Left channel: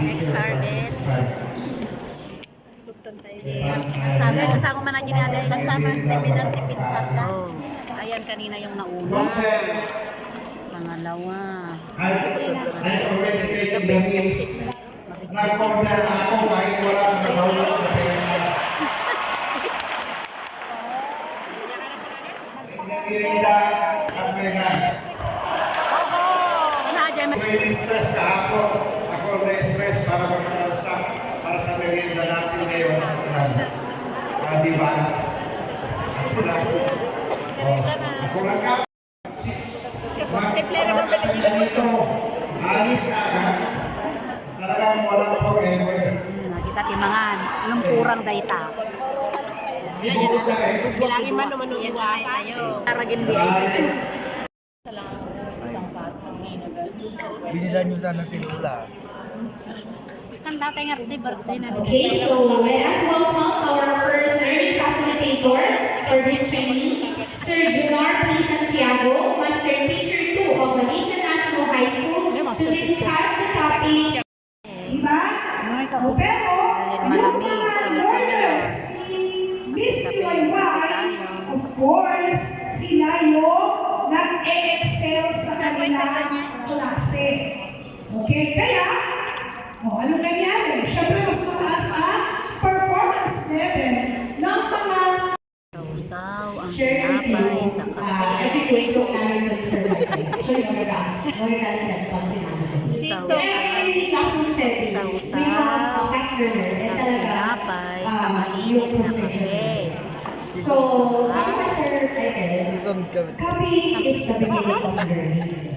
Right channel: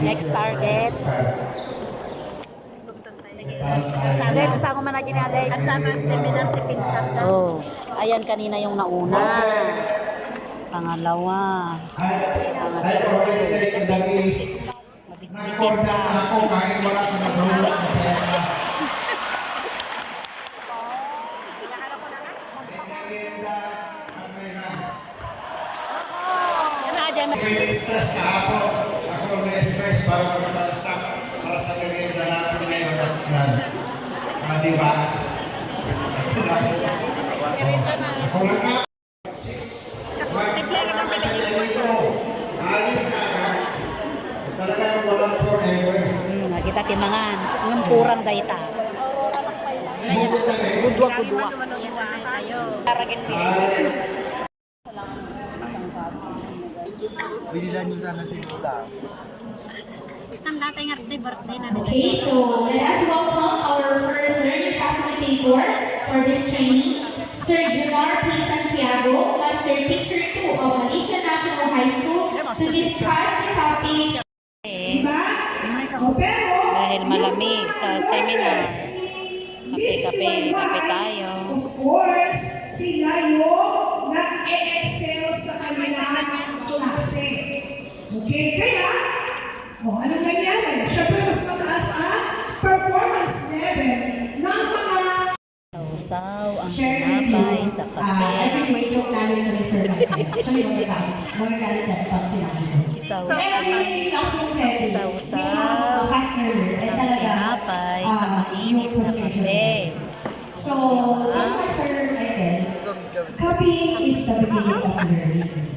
Next target. Sabi, kasama man na ginaday. At sama ang seminar ni Pinsan ka. Oh, ayan kanina yung nauna. Pangalawa. Mabisbisin stress kahapon. Ako na-stress para magpapalsak para sa merienda natin ngayon at lunch. Di ba? Ako lang ka. Alis na ka. Talagang walang forever. Kita timangan. Ng kurang dayta. Gudwa-gudwa. Yan na tayo. Karagin di. Binilan nyo sana sila. Kan dati nga birthday na. Okay, so let us welcome our first learning facilitator for this training, Sir Junor P. Santiago, Master Teacher 2 of Alicia National High School, to discuss the topic. Dahil malamig sa seminar. Kape tayo. Of course, sila yung nag-e-excel sa kanilang klase. Okay, kaya, ano nangyari? Siyempre, mas mataas ang performance level ng mga Sausaw ang tinapay sa kape. Every joke namin ito ni Sir Michael. So yung nag-aamas. Huwag natin yan pag sinabi ko. Sausaw ang tinapay sa mainit na kape. So, sabi Sir Michael, copying is the beginning of learning.